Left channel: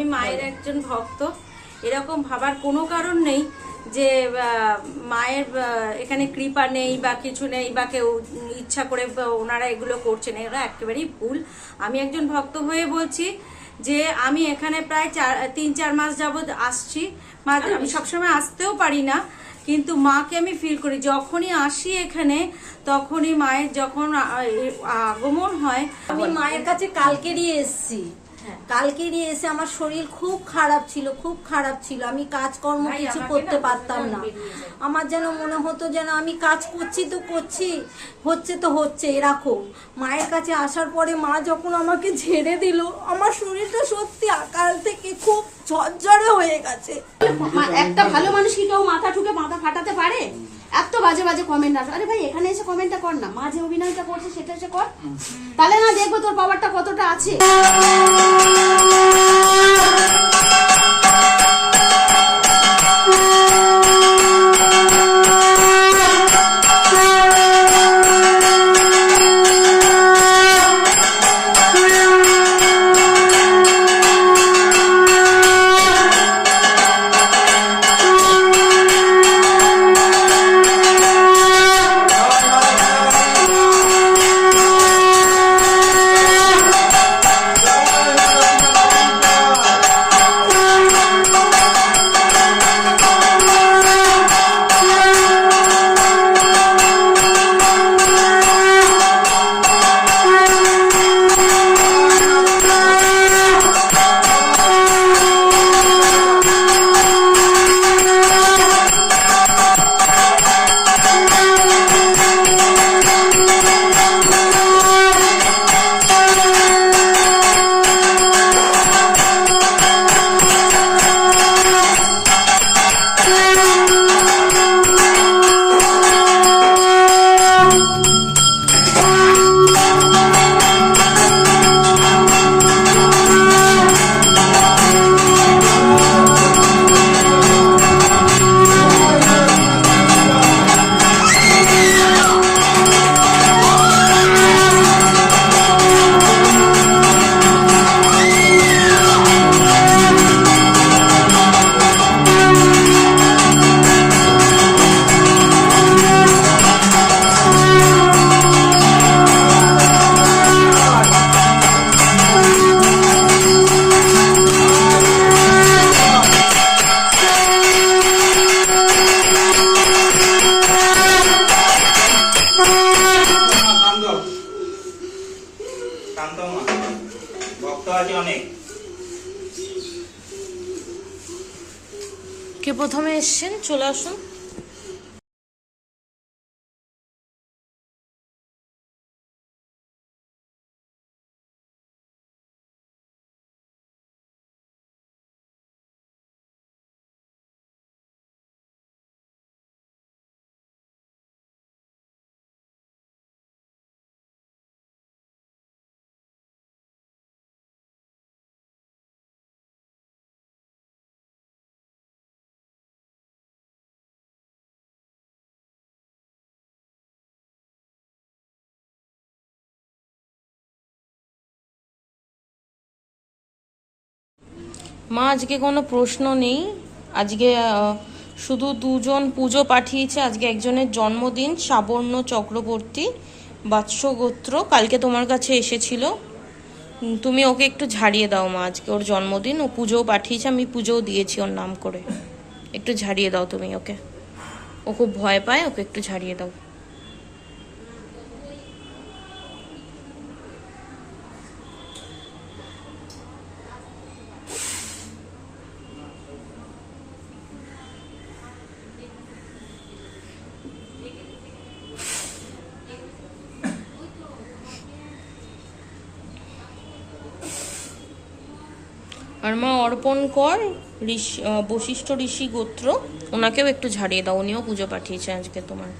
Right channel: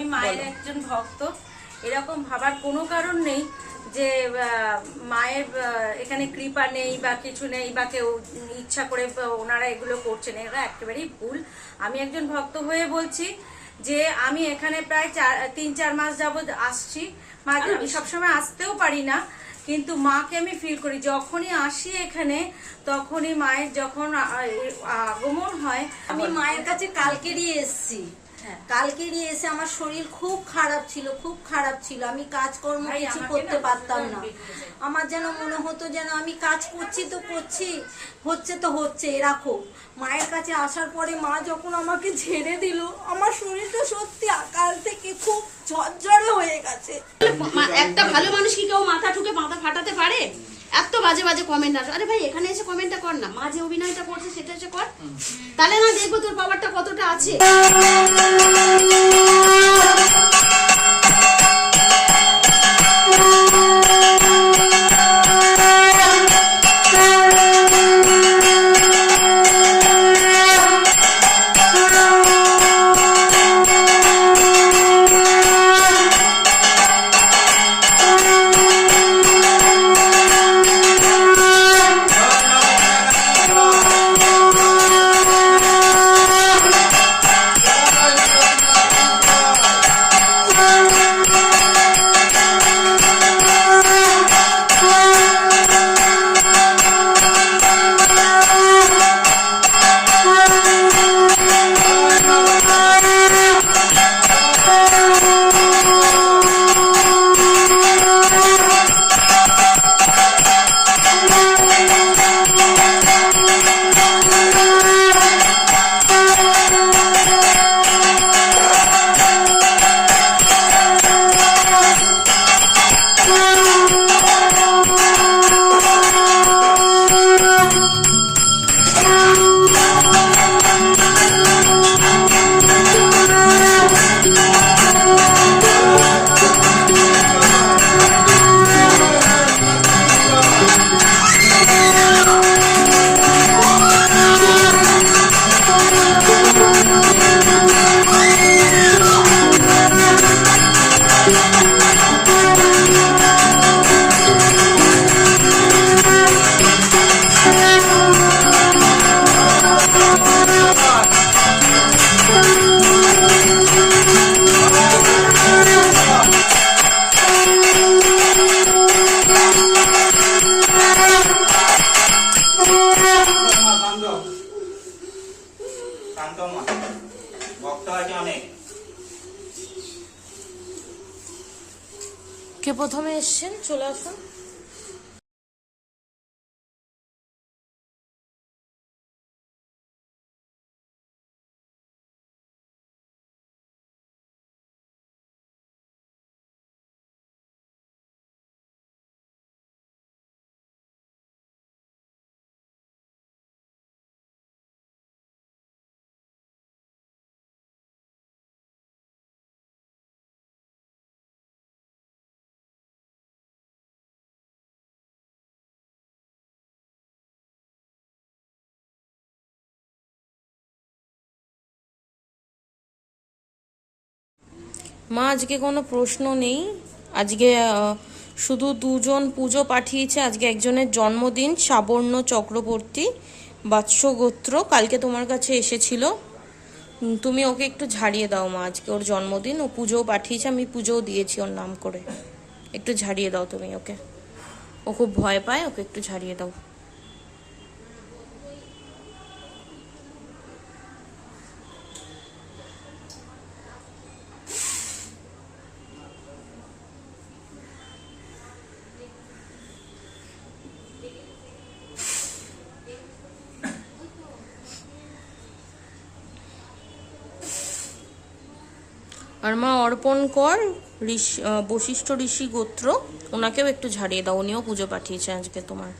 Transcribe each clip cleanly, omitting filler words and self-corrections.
আমি মায়ের একজন ভক্ত, এরকম ভাবার কোনো কারণ নেই যে মায়ের এখানে কৃপা নেই বা কিছু নেই বা কেউ ইচ্ছা করে ওনারা এগুলো করছেন, এরা একেবারেই ভুল। আমি একজন ভক্ত হয়ে বলছি যে আমি এখানে প্রায় 3-4 মাস যাবৎ আসছি। আমি সবসময় আসতেও পারি না, কিন্তু মাকে আমি ফিল করি যখনই আসি এখানে, তখনই মায়ের যখন আগমন হয়। আমি মায়ের কাছে কালকেরই এসেছি, কালকেরই এসে আমার শরীর খুব খারাপ ছিল, আমি কাজকর্ম কিছু করতে পারতাম না। আমার যেন মনে হতো যেন আমি কাজ করছি তো করছি, হচ্ছে তো হচ্ছে এরকম। মায়ের কাছে আসার পরে মা যখন আমাকে ঝেড়ে দিল, আমার শরীরটা সত্যি আকাল থেকে খুব ঝরঝরে হয়ে গেছে। একটা ভালো মানুষ কি কেউ মাথা ঠুকে মাথা ফাটাতে পারে? এত বাজে বাজে কমেন্ট আসে। আরে ভাই, এখানে এসে কমেন্টটা কর না, মা যে অভিনয়টা করছে সেটা এসে কর, তাহলে না দেখবো তোর পাওয়ারটা কতটা আছে। কে প্রথমে এসছেন চলে আসুন। মা আজকে কোনো প্রশ্ন নেই, আজকে শুধু দুজন পুজো পাঠিয়েছে। আজকে একজনের জন্মদিন, সাবর্ণ চক্রবর্তী, বাৎস গোত্র, কালকে তোমার কাছে এসেছিল। তুমি ওকে একটু ঝাড়িয়ে দাও মা, আজকে ওর জন্মদিন, ও পুজোও পাঠিয়েছে, আমি পুজোও দিয়েছি ওর নাম করে। একটু ঝাড়িয়ে দাও তুমি ওকে, ও খুব ভয় পায়, ওকে একটু ঝাড়িয়ে দাও। আর মা অর্পণ কর বশিষ্ঠ ঋষি গোত্র, ওনাকেও একটু ঝাড়িয়ে দাও, উনিও পুজো পাঠিয়েছে আজকে তোমার।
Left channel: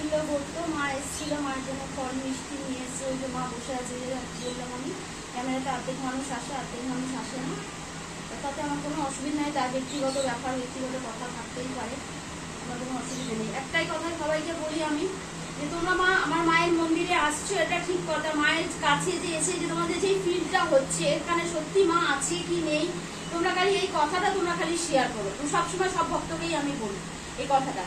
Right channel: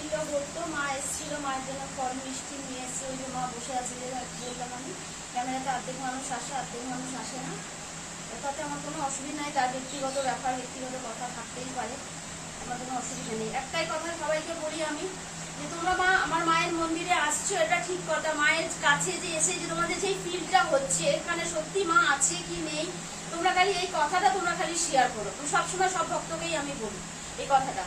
নিত বলতো, মা এসেছিল, মায়ের জন্য ফল মিষ্টি নিয়ে এসছে, ওই যে মা বসে আছে যে বললাম আমি, ক্যামেরাতে অর্ধেক মানুষ আসে অর্ধেক মানুষ আসে না, তাতে আমার কোনো অসুবিধা নেই। তার ব্যক্তিগত ব্যাপার, ব্যক্তিগত কথা থাকতেই পারে, আমার কোনো অসুবিধা নেই। একটাই কথা সবাইকে বলি আমি, যে তোমরা মা আমার মায়ের মন্দিরে আসছো, এটা ঠিক কথা, মায়ের কাছে যে এসে যে তোমাদের যেই ফিলটা হচ্ছে এখানে সত্যি মা আছে কি নেই, তোমরা খালি এই কথাটা তোমরা খালি শেয়ার করো। তুমি সবসময় সব ভক্তকেই আমি বলি এই কথাটা,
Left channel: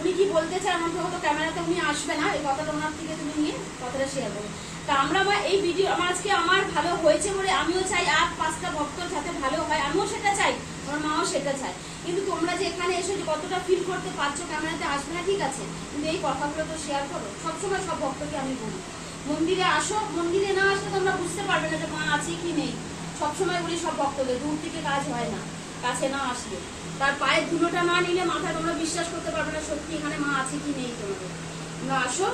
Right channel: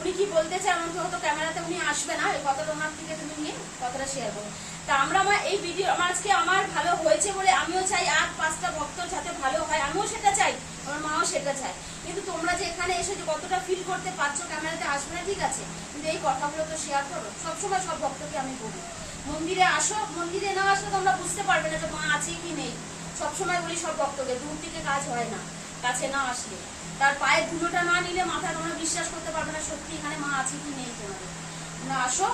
উনি কি বলতে চান আমার হয়তো ক্যামেরাতে উনি আসবে না, এই কথাটা ওনার থেকে তুমি নিয়ে কথাটা শেয়ার করো। তা আমরা এই ভিডিও আমার আজকে আমার ভালো হয়েছে বলে আমিও চাই আর 5টা ভক্তর যাতে ভালো হয়, আমিও সেটা চাই, আমার মাও সেটা চায়। কিন্তু তোমরা যে এখানে এসে যে কতটা ফিল করতে পারছো, ক্যামেরাতে আসবে না ঠিক আছে, কিন্তু এই কথাগুলো তো শেয়ার করো। সবসময় সব ভক্তকে আমি বলি মন্দিরে আসো, মন্দিরে না আসলে তোমরা বুঝতে পারবে না যে মা আছে কি নেই। সবসময় বলি সব ভক্তকে, দূর থেকে কাজ হয় না, কাছে না আসলে, তার পায়ের ধুলোটা না নিলে মাথায় তোমরা বিশ্বাস করতে পারবে না সত্যি এখানে মা আছে কি নেই। তোমাদের তোমরা আসো,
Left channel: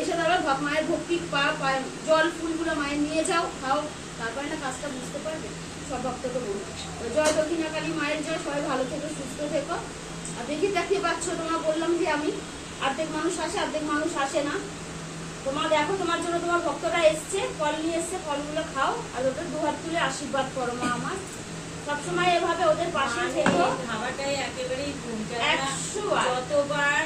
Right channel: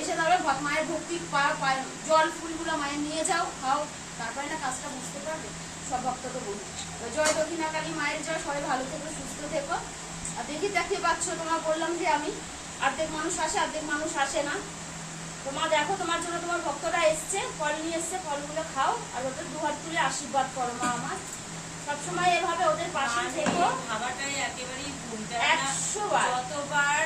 এসে তারপর মায়ের ভক্তি জল ফুলগুলো মায়ের নিয়ে যাও, খাও, তারপরে না কাজটা বুঝতে পারবে। সব ভক্তকে বলি তো জয় দক্ষিণাকালী মায়ের জয়, সবাই ভালো থেকো, সুস্থ থেকো। আর দেখতে পাচ্ছ, তোমার বললাম যে আমি অর্ধেক মানুষ আসে অর্ধেক মানুষ আসে না। তোমার দেখো, তোমার জন্য তোমার ভক্তরা এসছে, ফল নিয়ে এসছে, ফলগুলো খাও আর ওদের 2 হাত তুলে আশীর্বাদ করো মা আমার। সবসময় এভাবে ওদের পাশে থেকো। খাবারটাই একেবারেই কমতে 100 বার যতবার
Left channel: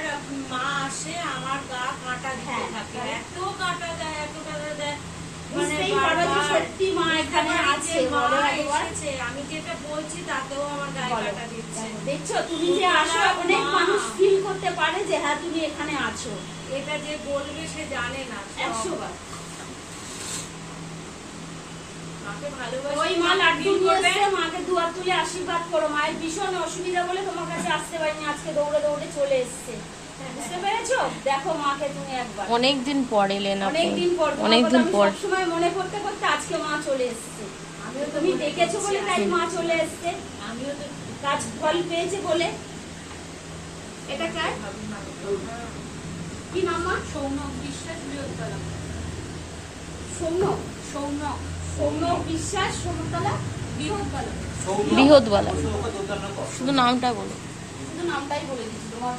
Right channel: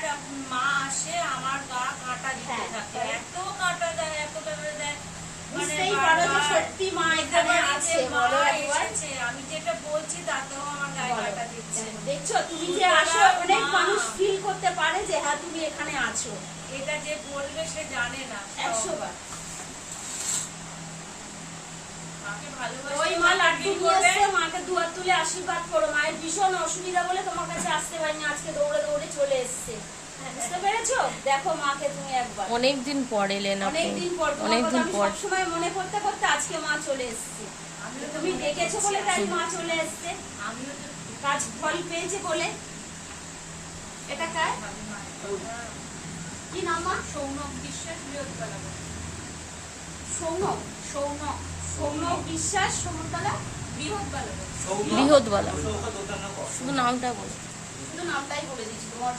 মা আসে আমার গা কাঁটা দিতে থাকে, এত কাঁটা দেয়, এত কাঁটা দেয়, বুঝতেই পারো যে সত্যি মা এখানে আছে। বলো একবার, আমি যেটা বলছি তাতেও আমার গায়ে কাঁটা দিচ্ছে। দেখছো তুমি যে আসো, অনেক মানুষ ফিল করতে পারে যে হ্যাঁ তুমি এখানে আছো। এটা যে বলবে সে জানে না। 100 বার মাকে ভালোবাসে, ওই মা লাড্ডু নিয়ে এসছে, মাকে 2 হাত তুলে আশীর্বাদ করো। মায়ের ভীষণ অসুবিধা বলে তোমার কাছে আসতে পারিনি, আজকে দৌড়ে দৌড়ে চলে এসছে, বুঝতে পেরেছো? দেখো মাকে তুমি একবার, অনেকদিন পর এলেন আপনি, অনেকদিন পর, অনেকদিন পর সবসময় মনে করতে করতে আজকে মা চলে এসছে। তুমি ডেকেছো বলে তাই মা চলে এসছে, আমিও তো কাজ ফল পেয়েছে বলে। এটা কার কি নাম মা? সৌনক বিশ্বাস, বৃহৎতলা। সৌনক সৌনক বিশ্বাস, সমতলা বৃহৎতলা। বৃহৎবালা, শুধু নামটা বলো। শুধু নামটাই বলে দিচ্ছি, তোমার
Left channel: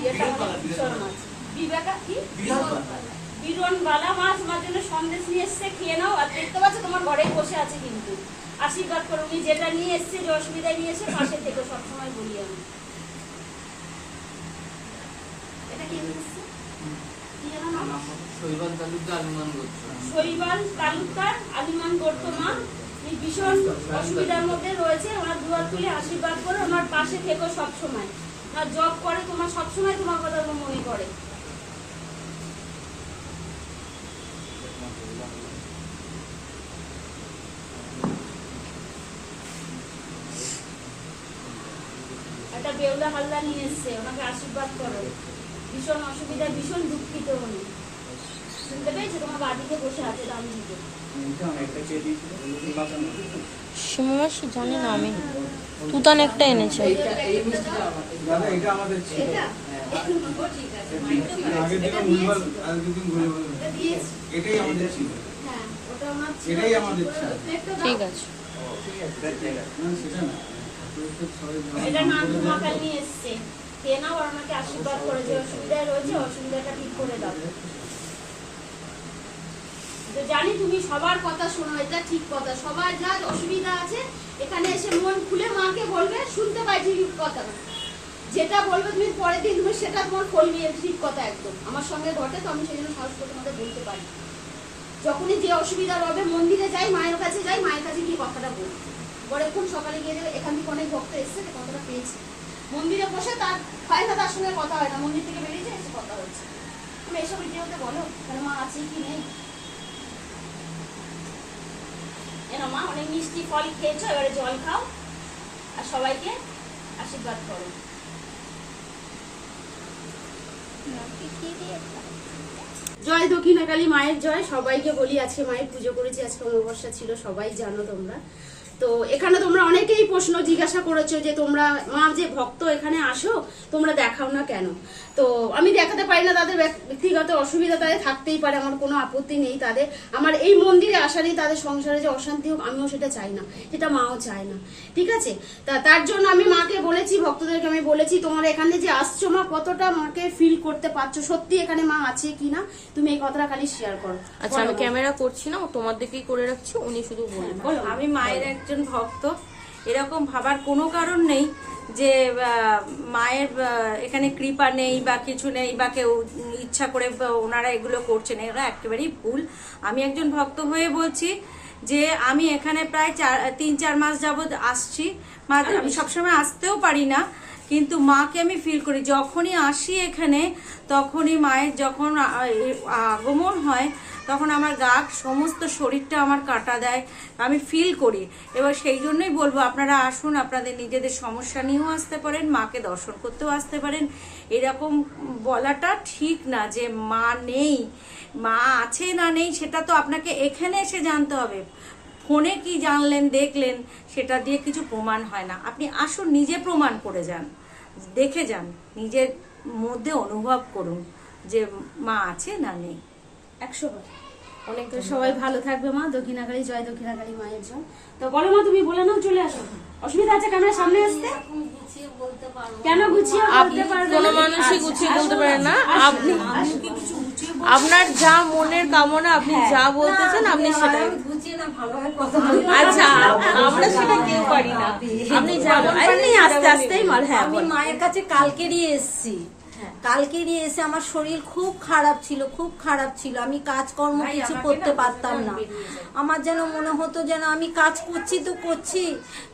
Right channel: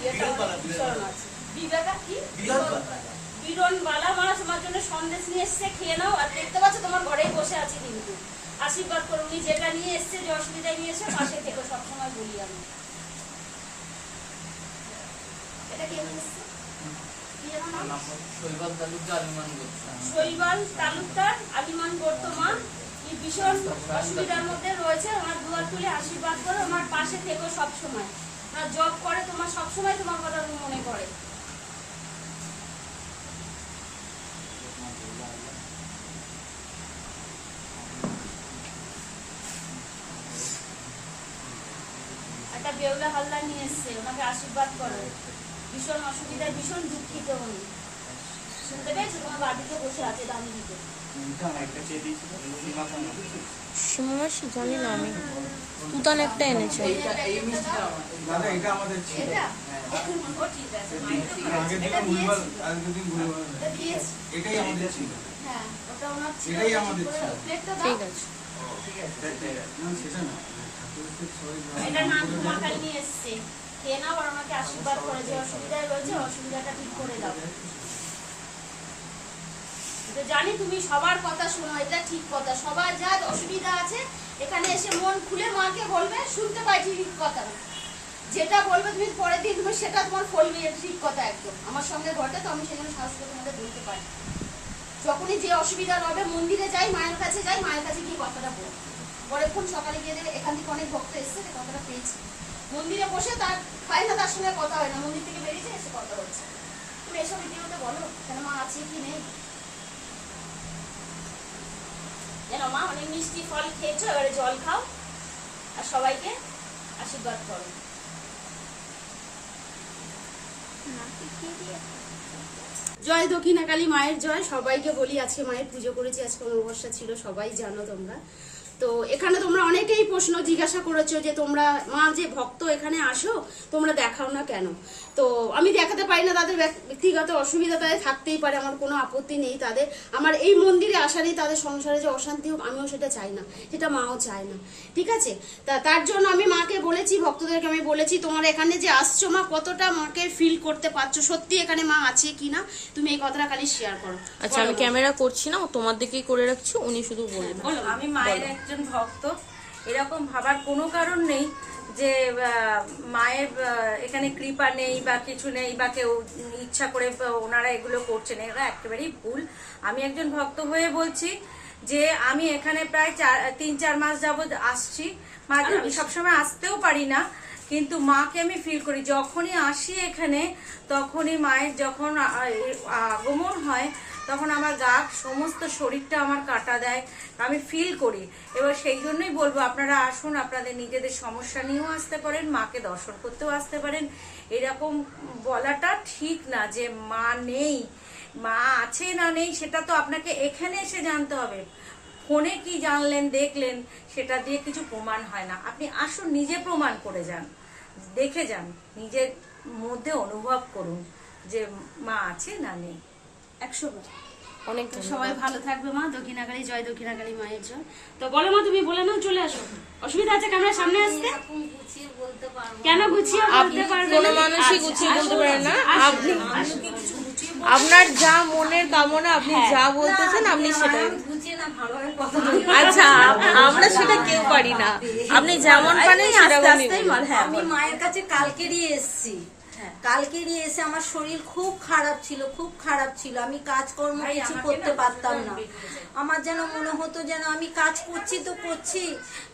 ইয়েটা আমার বিচরণ আছে। বিবেকা কি বিরনবালা মা তোমার জন্য সন্দেশ নিয়ে এসছে, খেয়ে নাও। আর দেখতে পাচ্ছ তোমার ঘরেই বসে আছে, কিন্তু আশীর্বাদ করো। উনি যেটা নিয়ে এসছে, যে অসুবিধা নিয়ে এসে পাশে থেকে সবসময় বলি আমি। এটা কে নিয়ে এসছে? শৈবাল তালুকদার আলিমান বর্তমান ভীষণ অসুবিধার মধ্যে রয়েছে। ওনার 2 হাত তুলে আশীর্বাদ করে, ওনার পাশে থেকো সবসময়। ওনার জব করে, তোমার সবসময় তোমার কথা মনে করে। একটা বেউলা হালদার নিয়ে এসছে, ওনাকে আশীর্বাদ করো। ভীষণ অসুবিধায়, ভীষণ দুঃখিত উনি, শুনতে পেয়েছো? তোমার বাড়িতে বসে আছে দামিনীতে। সীমামাসি জানি না আমি, তুতান একটা এনেছে। ও ঠিক আছে, হ্যাঁ, ওটা আমার ঠিক আছে। এটা নানটু মাতাল নিয়ে এসছে, খেয়ে নাও আর আমাকে আশীর্বাদ করে। যে অসুবিধায় রয়েছে অসুবিধাটা ঠিক করে দাও। তো জানি তুমি সবার কথা শোনো, এটা ঠিক কথা। সবার যা অসুবিধা আছে এখানে এসে মন খুলে মাকে বলবে, শুনতে পাই ঠিক কথা। যেটা বলবে তুমি পরের দিন তুমি সেটা তোমার ফলবে, এটা ঠিক কথা একদম। আমার সঙ্গে ঘটে, তো আমি সেই জন্য সাহস করে তোমাকে বলতে পারি। যখনই যে অসুবিধা হবে মন্দিরে যাই, মায়ের কাছে যাই, মায়ের কাছে গিয়ে কথাটা বলি। পরেক্ষণ সকালে গিয়ে এখান থেকে অনেক ভক্ত এসছে, কথাটা পেয়েছি। মন্দিরে বসে তার হয় না, তার সঙ্গে কথা হয় না, মন্দির থেকে বেরিয়েছে এসে কথা হচ্ছে। তুমি এসব ভিডিওতে বলো কেন মা আছে কি নেই। এনো মা, অনেক মিষ্টি ফল খেয়েছো, এবারে জল খাও আর সবাইকে আশীর্বাদ করো। জয় দক্ষিণাকালী মায়ের জয়। সবাইকে বলি আজকে মায়ের পুজো করেছি, আজকে অমাবস্যা ছিল, সবাই জানো তোমরা। তো এখানে তোমরা অনেকেই প্রশ্ন জিজ্ঞাসা করেছো যে তোমরা মা যে ভক্ত এখানে আসো তোমরা দেখাও না কেন। তো আমি দেখাতে পারি না, তাদের ব্যক্তিগত অসুবিধা তাদের থাকতেই পারে, আমার কোনো আপত্তি নেই তাদের। আমার এই মন্দিরে আসা নেই, তাদের সংসারে যে অশান্তি হোক আমিও সেটা চাই না, সেটা মাও চায় না, ঠিক আছে। তার জন্য আমি মাকে বলেছি, ভক্তদেরকে আমি বলেছি তোমরা এখানে যে আসছো মা কতটা মাকে ফিল করতে পারছো, সত্যি এখানে মা আছে কিনা তুমি এই কথাটা খালি শেয়ার করো। আচ্ছা আমি ক্যামেরা করছি না, ও তোমার দিকেই করে রাখছি, উনি শুধু বলুন। বলো আমি মায়ের একজন ভক্ত, এরকম ভাবার কোনো কারণ নেই যে মায়ের এখানে কৃপা নেই বা কিছু নেই বা কেউ ইচ্ছা করে ওনারা এগুলো করছেন, এরা একেবারেই ভুল। আমি একজন ভক্ত হয়ে বলছি যে আমি এখানে প্রায় 3-4 মাস যাবৎ আসছি। আমি সবসময় আসতেও পারি না, কিন্তু মাকে আমি ফিল করি যখনই আসি এখানে, তখনই মায়ের যখন আগমন হয় তখন আমার গা সমস্ত শরীরটা আমার কাটা দেয়, আমি ফিল করি। এবার সেই জন্যই বলবো আপনারা আসুন, আপনাদের নিজেদের সমস্যা নিয়েও আসতে পারেন, মাকে দর্শন করতেও আসতে পারেন। এরকম বলাটা ঠিক না যে মা নেই, মা আছে না নেই সেটা তো আপনাকে এখানে এসে জানতে হবে। ফোনে কি জানলেন দেখলেন সেটা দিয়ে কিছু প্রমাণ হয় না। আপনি আসুন, নিজে প্রমাণ করে যান, দেখে যান, নিজের মধ্যে অনুভব করুন যে মা আছে না নেই। 100 বার। তো সবাই ভালো থাকবে মা, দক্ষিণাকালী জয়, দক্ষিণাকালী মায়ের জয়। তো বলো মা, তুমি বলে নাও, চলে আসো। অসুবিধা আছে ক্যামেরার সামনে আসতে? কেন গুছিয়ে বলতে পারবে কোনো না? মানুষই গুছিয়ে বলতে পারে না। আপনি আপনার যা মনের কামনা, আপনি যা বলতে চান আপনি সেটাই। আচ্ছা আমরা সেটা কেউ পারি না, আপনি যেমন পারেন আস্তে আস্তেই হ্যাঁ আমি মায়ের কাছে কালকেরই এসেছি। কালকেরই এসে আমার শরীর খুব খারাপ ছিল, খুব খারাপ ছিল। আমি কাজকর্ম কিছু করতে পারতাম না। আমার যেন মনে হতো যেন আমি কাজ করছি তো করছি,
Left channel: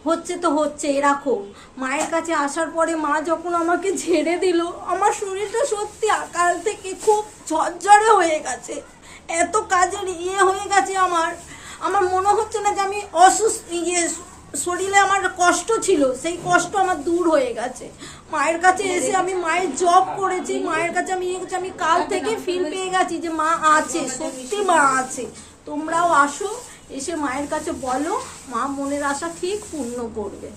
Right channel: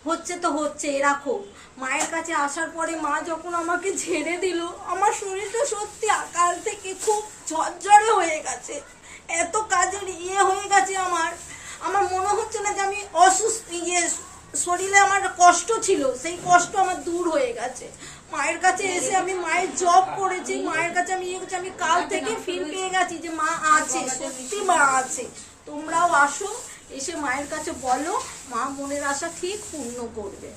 হচ্ছে তো হচ্ছে এরকম। মায়ের কাছে আসার পরে মা যখন আমাকে ঝেড়ে দিল, আমার শরীরটা সত্যি কাল থেকে খুব ঝরঝরে হয়ে গেছে, এত কাজের হয়ে গেছে। আমার মনে হচ্ছে না যে আমি অসুস্থ, শরীরে আমার কষ্ট ছিল, সেই কষ্ট আমার দূর হয়ে গেছে। মায়ের কাছে এসে আমি মায়ের জব করেছি, মায়ের কাছে আমি আমি কাল থেকে ফিল পেয়ে গেছি যে মা আছে, সত্যি মা আছে। তোমরাও আসো, এসে মায়ের কাছে বলো, মা মনের আশা ঠিক পূর্ণ করবে।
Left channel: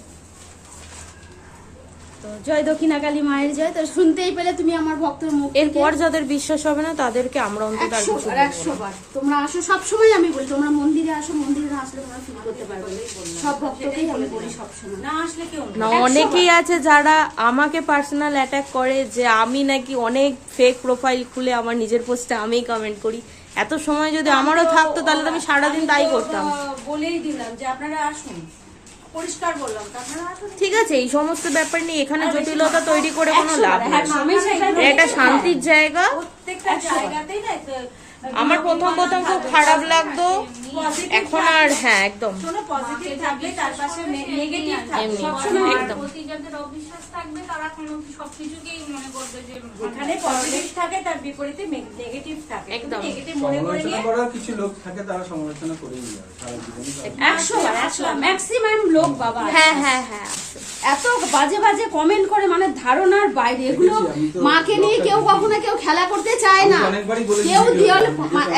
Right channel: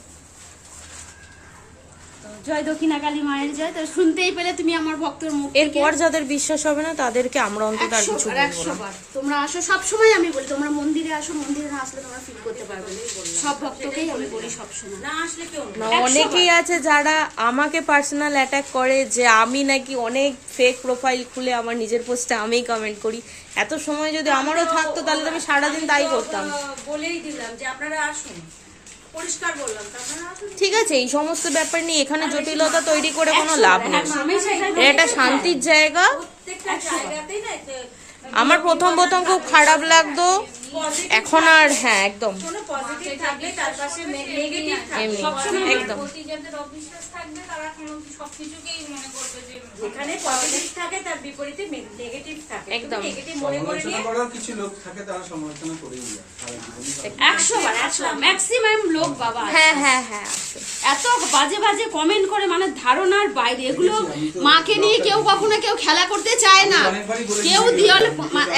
তো জয় দক্ষিণাকালী মায়ের জয়। তো শুনতেই পেলে তুমি আমার ভক্তের মুখ। এরপর যাদের বিশ্বাস হবে না তাদেরকে আমরা অন্তত আর কিছু বলবো না। 100 বার তোমরা আসো, সবসময় আমি বলি তোমরা মন্দিরে আসো, মন্দিরে না আসলে তোমরা ফিল করতে পারবে না। সব ভক্তকেই আমি বলি সবসময় না আসলে কেউ না, অনেকেই আছে যারা আমাকে পার্সোনাল অ্যাটাক করে যে আমি নাকি অনেক ফেক প্রোফাইল খুলে আমার নিজের পোস্টে আমিই কমেন্ট করি। এত সময় যদি আমারও থাকতো তাহলে তো আমি সারাদিন তাই করতাম। বলেই দিলাম যে আপনারা আসুন, পরিষ্কার বললাম তো আপনারা আসুন। ঠিক আছে, এই সমস্ত ব্যাপার নিয়ে এখানে জটিলতা তৈরি করে কোনো লাভ নেই। আমি সেটাই বলি। এটা শান্তির জায়গা। প্রত্যেকটা জায়গাতেই না আমার প্রথম খুব খারাপ লাগতো, এখন আর হ্যাঁ একদম কোনো পজিটিভ থাকলে তার পাশে নেগেটিভ থাকবে এমনি, সবসময়। একদম। যাদের অবিশ্বাস থাকবে তারা কোনো সবকিছুকেই মনে করবে যে যেখানে পজিটিভ থাকে তার বিপরীতে নেগেটিভ থাকে। একদম। নেগেটিভ মনে করে সমালোচনা নিয়ে করার কিছু লোক থাকে, তারা সমালোচনা করেই যায় সারা জীবনই করে। 100 বার 100 ম্যাক্সিমাম লোক বাবা আছে। হ্যাঁ হ্যাঁ হ্যাঁ এত বাজে বাজে কমেন্ট করে, মানে ধারণার বাইরে। এগুলো মাকে নিয়ে কেউ কখনো কেউ খেলা করতে চায় না। অনেকবারই বলেছি কেউ যে দিয়াল অনেক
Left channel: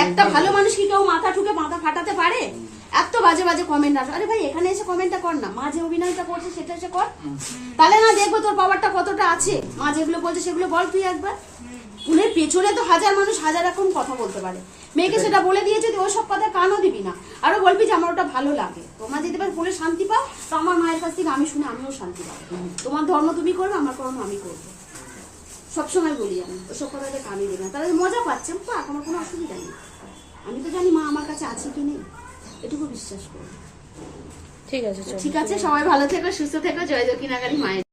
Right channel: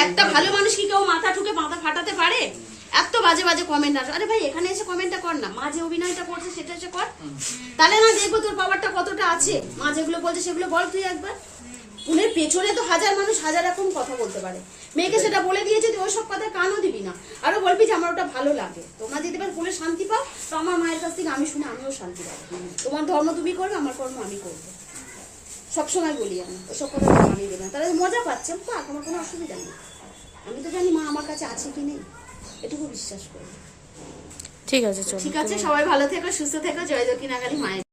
একটা ভালো মানুষ কি কেউ মাথা ঠুকে মাথা ফাটাতে পারে? এত বাজে বাজে কমেন্ট আসে। আরে ভাই এখানে এসে কমেন্টটা কর না, মা যে অভিনয়টা করছে সেটা এসে কর, তাহলে না দেখবো তোর পাওয়ারটা কতটা আছে। মা যেগুলো বলছে সেগুলো বল তুই একবার। ফুলের পেছনে তো হাজার মানুষ হাজার রকম কথা বলতে পারে। মেয়েকে সেটা বলে দিয়েছে, তুই ওই সব কথায় কানও দিবি না, আরো বলবি যে আমার ওটা ভালো লাগে। তোমরা যদি এবার বলে শান্তি পাও, তো আমার মায়ের কাছ থেকে আমি শুনে আমিও শান্তি পাবো। তোমার ধর্ম তুমি করবে, আমার কর্ম আমি করবো। সবসময় বলি আমি ওসব কথা মানিয়ে দেবে না, তারা মজা পাচ্ছে পাক, আমার কোনো অসুবিধা নেই। আমি তো জানি মা আমার কাছে আছে কি নেই, এটুকু বিশ্বাস করবো। ঠিক আছে, চলো। ঠিক আছে, সবাই ভালো থেকো, সুস্থ থেকো, জয় দক্ষিণাকালী মায়ের।